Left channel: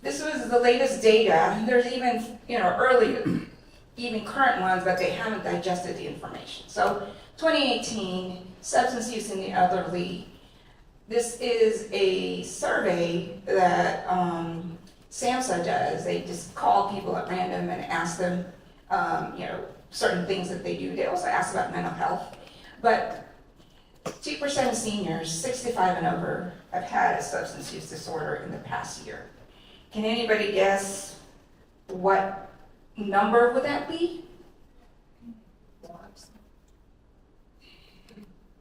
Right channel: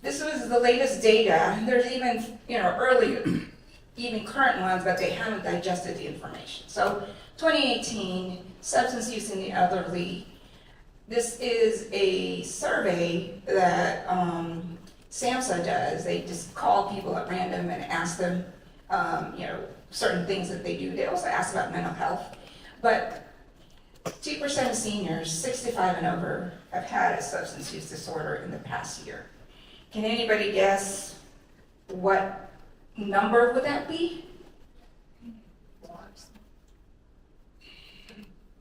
This was the latest data. There's even, early, even current ones, but they haven't digested the information. So 2018, substance use in the elderly. This is a survey that SAMHSA does. They just call people at random and ask them, certain things that they do. They also ask about mental health. But 2% of seniors, 65 and over, have had a substance use disorder in the past year. Can anybody guess what number would that be?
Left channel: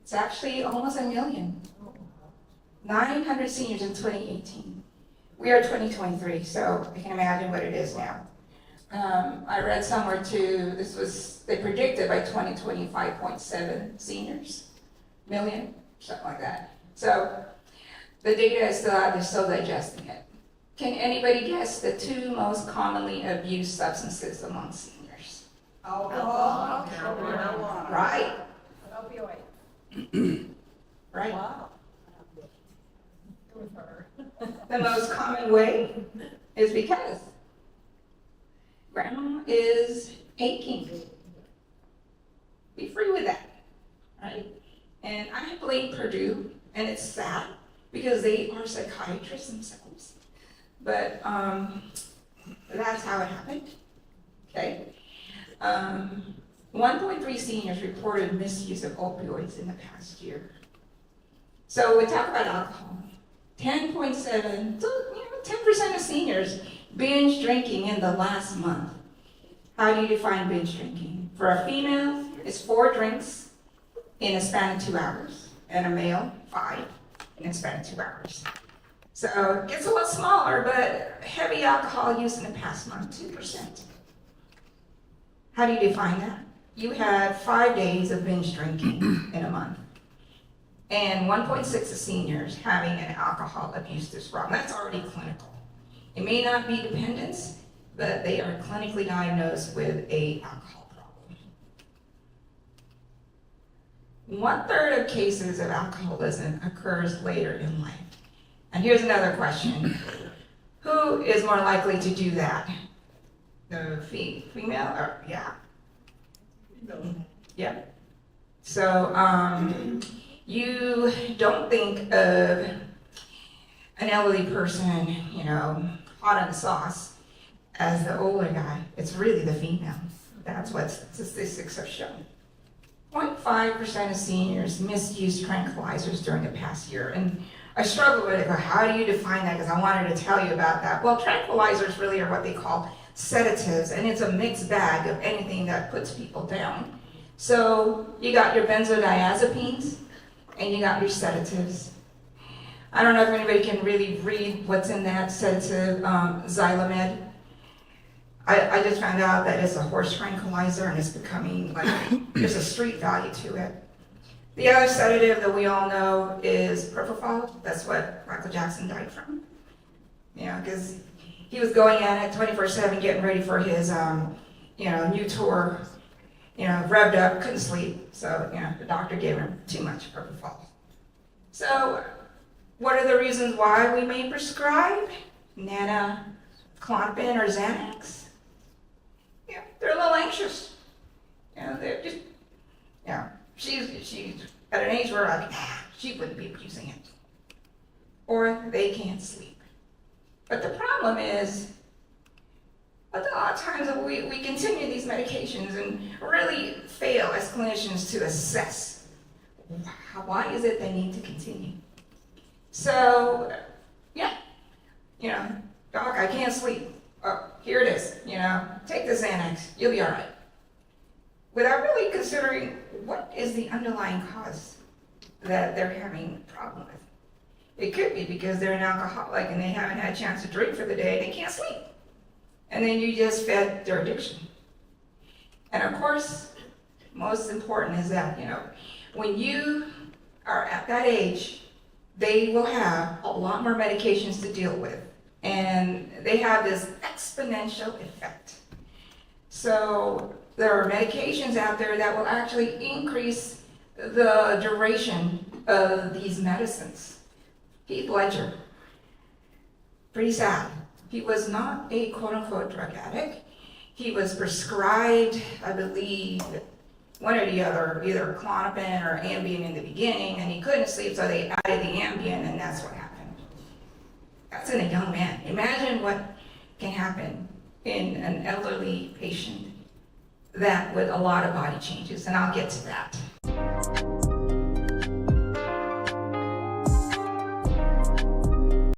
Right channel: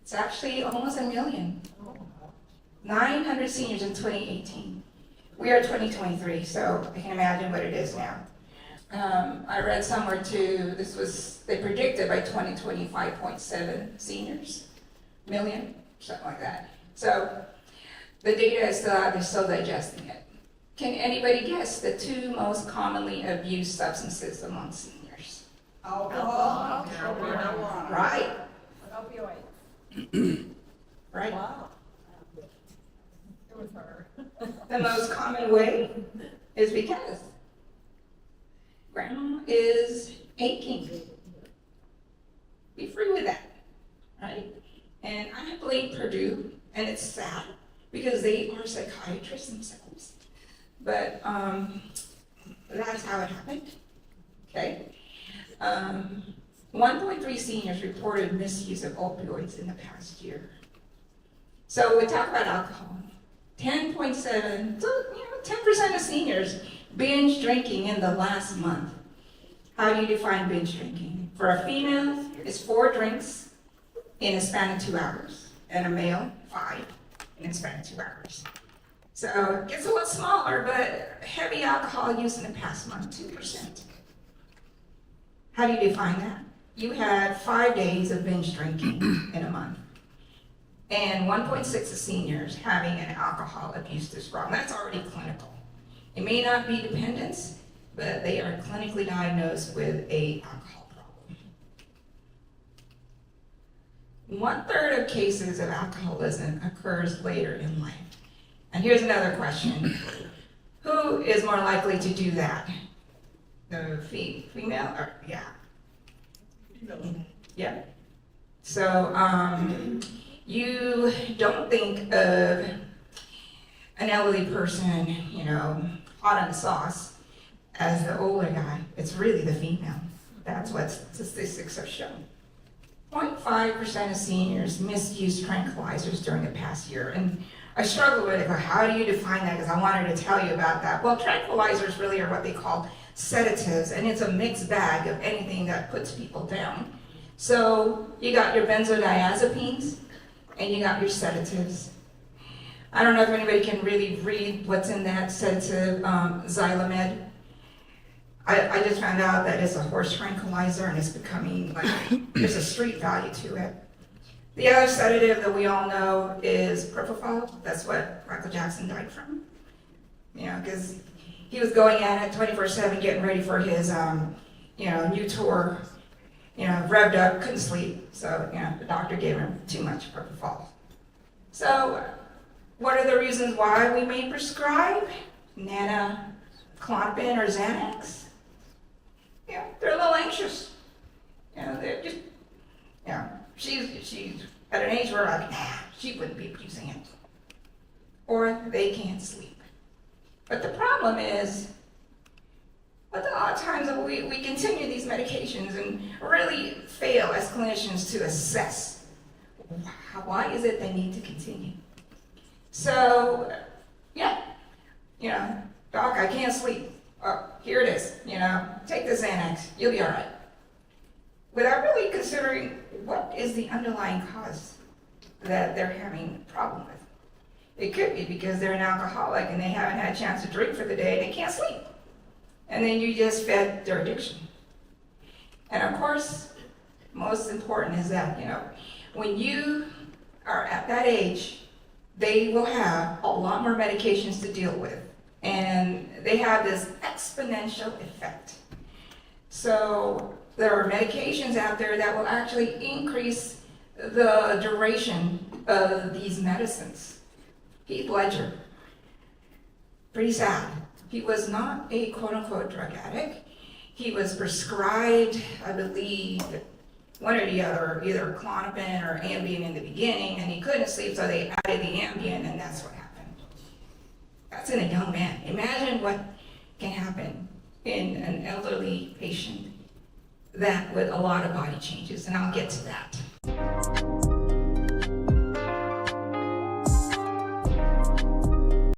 It's actually almost 1 million. 900 seniors in 2018. We are 2023, so I can imagine what it is now. I read somewhere too, they predicted by 2025.7 seniors, million, something like that. So the data is still out, they're still digesting it. Can anybody guess the 2 most commonly abused substances among seniors? Alcohol. Right. Opioid. Right. Wow. It was her. The most common way is because grandma is aching. Be free with that, right? And I blame Purdue, and it's sad because they are psychiatrists themselves. But that's how it happened, okay? 1.3 seniors reported misuse of opioids in the past year. So we talk about alcohol. 10.7, 10% of seniors binge drinking in the last month. How do you define binge drinking? For a female, it's 4 drinks in a span of 2 hours, and a male, 5 in a span of 2 hours. So it gets a little smaller, but heavy alcohol use in the past month, 2%. How do you define that? You had 5 days of binge drinking in a month, and 1.6 of seniors having an alcohol abuse disorder. That's already clinical. It may not be dependence, but they are clinically diagnosed with an alcohol problem. 1/3 of cases of alcoholism occurs later in life. And here's another question. Who is more likely to do that? The female? Or, yeah. Yeah. So you don't think of an elderly person, hot on the sauce as the older guy. It's really the female. That's what statistics have shown. 0.5% of seniors misused tranquilizers during the past year. And I struggle with it, but how do you define that? Because I wanted to tell you about that. Well, tranquilizers really are what they call sedatives, and it's a mixed bag of anything that puts people down. So you got your benzodiazepines, and you got your sedatives. I don't know if anybody can really read what's in that sedative, Xylomed. I just found out that it's a horse tranquilizer, and it's becoming like, there's a street value to it. The other sedative that we all know is propofol. That's what Michael Jackson died from. Because he was going at it 24/7, getting ready for his, new tour. Revved up, couldn't sleep. So, the doctor gave him too much propofol. So, what are the reasons why we may prescribe Clonopin or Xanax? They're a little anxious. They're just, she's at an age where she wouldn't be abusing it. Or they can't sleep. But the problem is, a lot of times we continue these medications and really fail as clinicians to assess why is it they need to continue. So, doc, I can't sleep. Oh, here it is, take the Xanax, you'll be all right. Without really considering what is the underlying cause that they're having a problem with. It could be because they're an alcoholic and they haven't had a chance to drink for the day, they can't sleep. And then you just fed their addiction. And of course, most important is that, when you are at that age, they will have a lot more medications to deal with. And they have this exponential effect. So there are medications out there that will actually increase the duration of these medicines. Heath Ledger, pretty sad. He was not a quote-unquote drug addict. He was prescribed, I believe, one or the other, either Klonopin or Ambien in the beginning, and he couldn't sleep, so they added the Ambien, and that's what happened. That's in a young man. Imagine what can happen in an elderly patient that with a lot of body changes, and I'll get to that.